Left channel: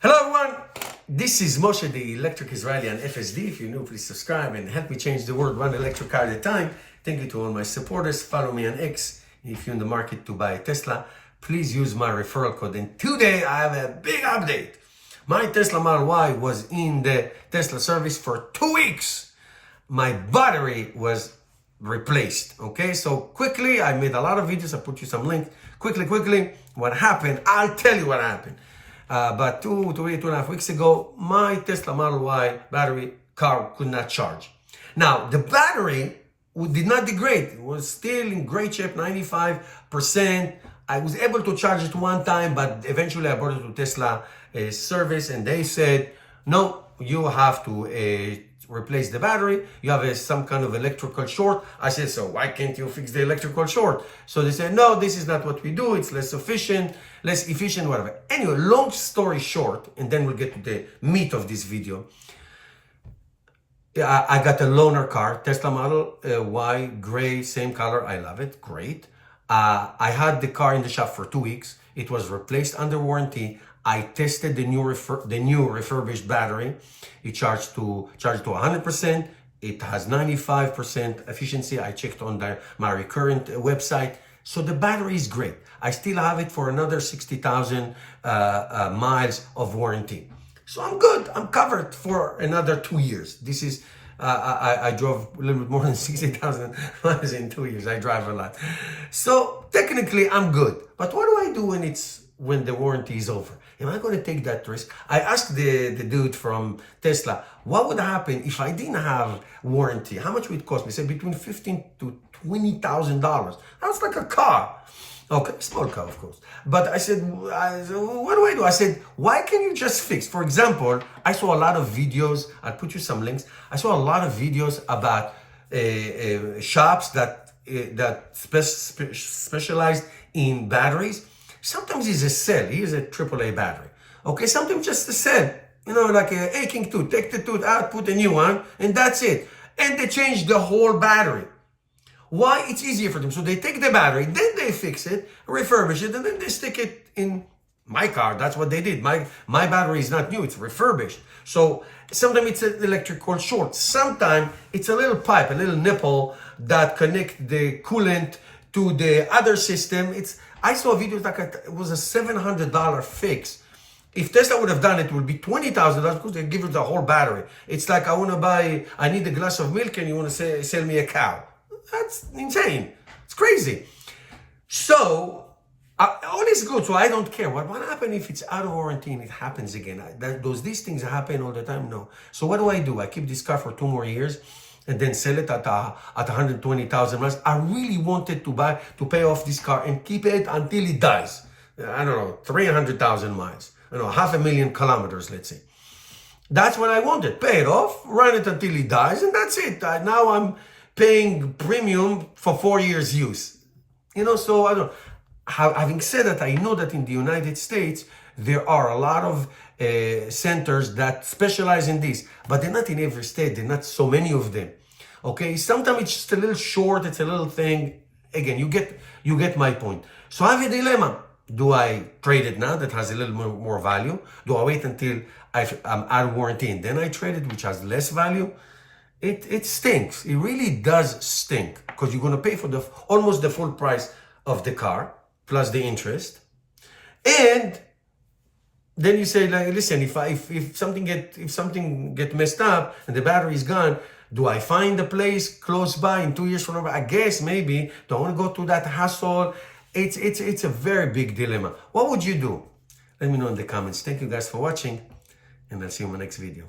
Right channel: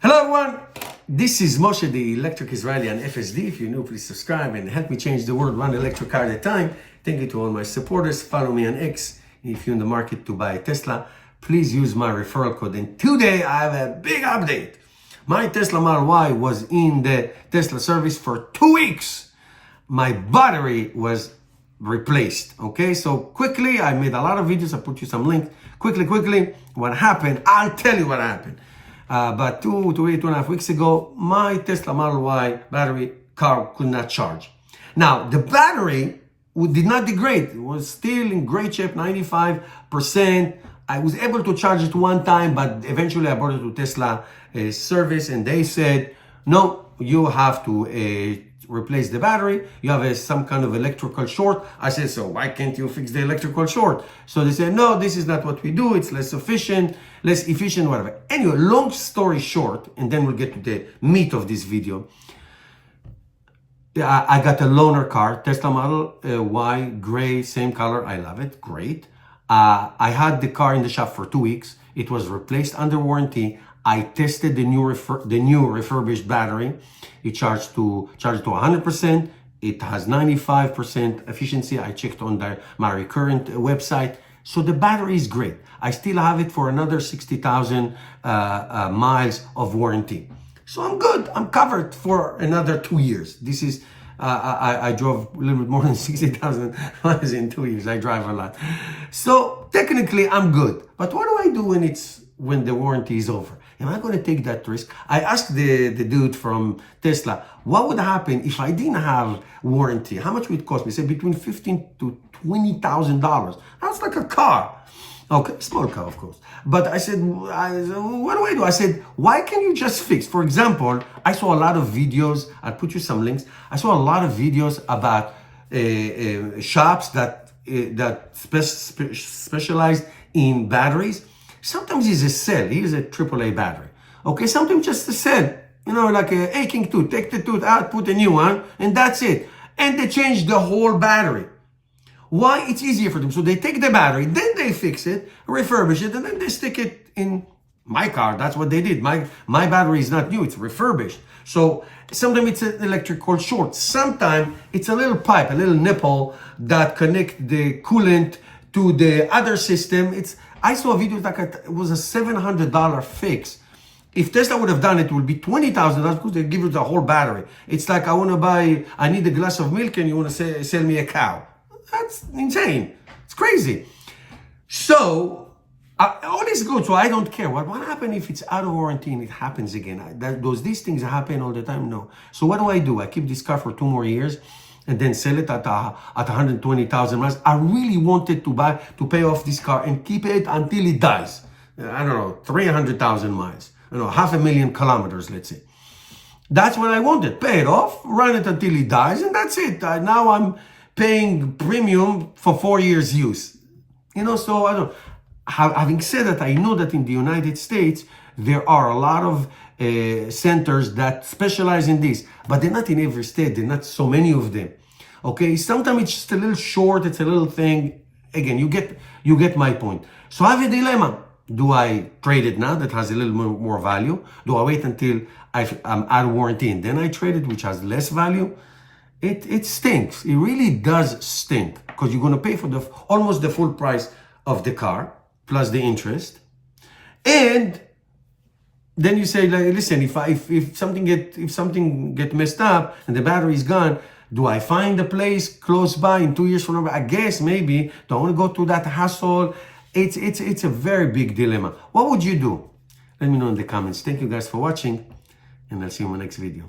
Hello everyone, this is Moshe, the Electric Israeli and FSD. If you're new, please subscribe and help me change the world one electric car at a time. Thank you to all my supporters. Follow me on X. If you're in the market to buy a Tesla, please use my referral code. And today I have a big update. My Tesla Model Y was in the Tesla service for 2 weeks. My battery was replaced. Okay, so quickly, I made a lot of videos. I put you some links. Quickly, what happened? I'll tell you what happened. About 2.5 weeks ago, my Tesla Model Y battery car could not charge. Now, the battery did not degrade. It was still in great shape, 95%. I was able to charge it one time, but eventually I brought it to Tesla service and they said, no, you have to replace the battery. You have some kind of electrical short. I said, so why can't you fix the electrical short? So they said, no, this is not what we do. It's less efficient, whatever. Anyway, long story short, and then we'll get to the meat of this video. I got a loaner car, Tesla Model Y, gray, same color. I love it. Great. I had the car in the shop for 2 weeks. It was replaced under warranty. I tested the new refurbished battery. It charged to 100%. It has 95% efficiency. I checked on my recurrent website. So the battery is great. I still have it for another 60,000 miles of warranty. So I'm good. I'm covered for another 2 years. This is, I drove a little bit more than 60,000 miles in 2 years. I drive a lot. So technically I'm good. But what do I do when the warranty is over? Am I going to take that risk? I asked the dude from Tesla, what would happen if I didn't have warranty? How much would it cost me? He said between $15,000 to $20,000. That's like a car. Okay, small car, of course. But I said, what do I do? I said, why can't you just fix? For example, I saw a lot of videos. I'll put you some links. I saw a lot of videos about shops that specialized in batteries. Sometimes it's a cell. Here's a AAA battery. Okay, sometimes just a cell. You know, like a aching tooth. Take the tooth out, put a new one, and that's it. And they change the whole battery. Why? It's easier for them. So they take the battery, then they fix it, refurbish it, and then they stick it in my car. That's what they did. My battery is not new. It's refurbished. So sometimes it's an electrical short. Sometimes it's a little pipe, a little nipple that connect the coolant to the other system. I saw a video like it was a $700 fix. If Tesla would have done it, it would be $20,000 because they give you the whole battery. It's like I need a glass of milk and you want to sell me a cow. That's insane. It's crazy. So all is good. So I don't care. What happens if it's out of warranty and it happens again? These things happen all the time? No. So what do? I keep this car for 2 more years and then sell it at 120,000 miles. I really wanted to pay off this car and keep it until it dies. I don't know, 300,000 miles. I don't know, 500,000 kilometers, let's say. That's what I wanted. Pay it off, run it until it dies, and that's it. Now I'm paying premium for 4 years use. You know, so I don't. Having said that, I know that in the United States, there are a lot of centers that specialize in this, but they're not in every state. There are not so many of them. Okay, sometimes it's just a little short. It's a little thing. Again, you get my point. So I have a dilemma. Do I trade it now that has a little more value? Do I wait until I'm out of warranty and then I trade it, which has less value? It stinks. It really does stink because you're going to pay for almost the full price of the car plus the interest. And then you say, like, listen, if something get messed up and the battery is gone, do I find a place close by in 2 years from now? I guess maybe. Don't want to go through that hassle. It's a very big dilemma. What would you do? Let me know in the comments. Thank you guys for watching, and I'll see you in my next video.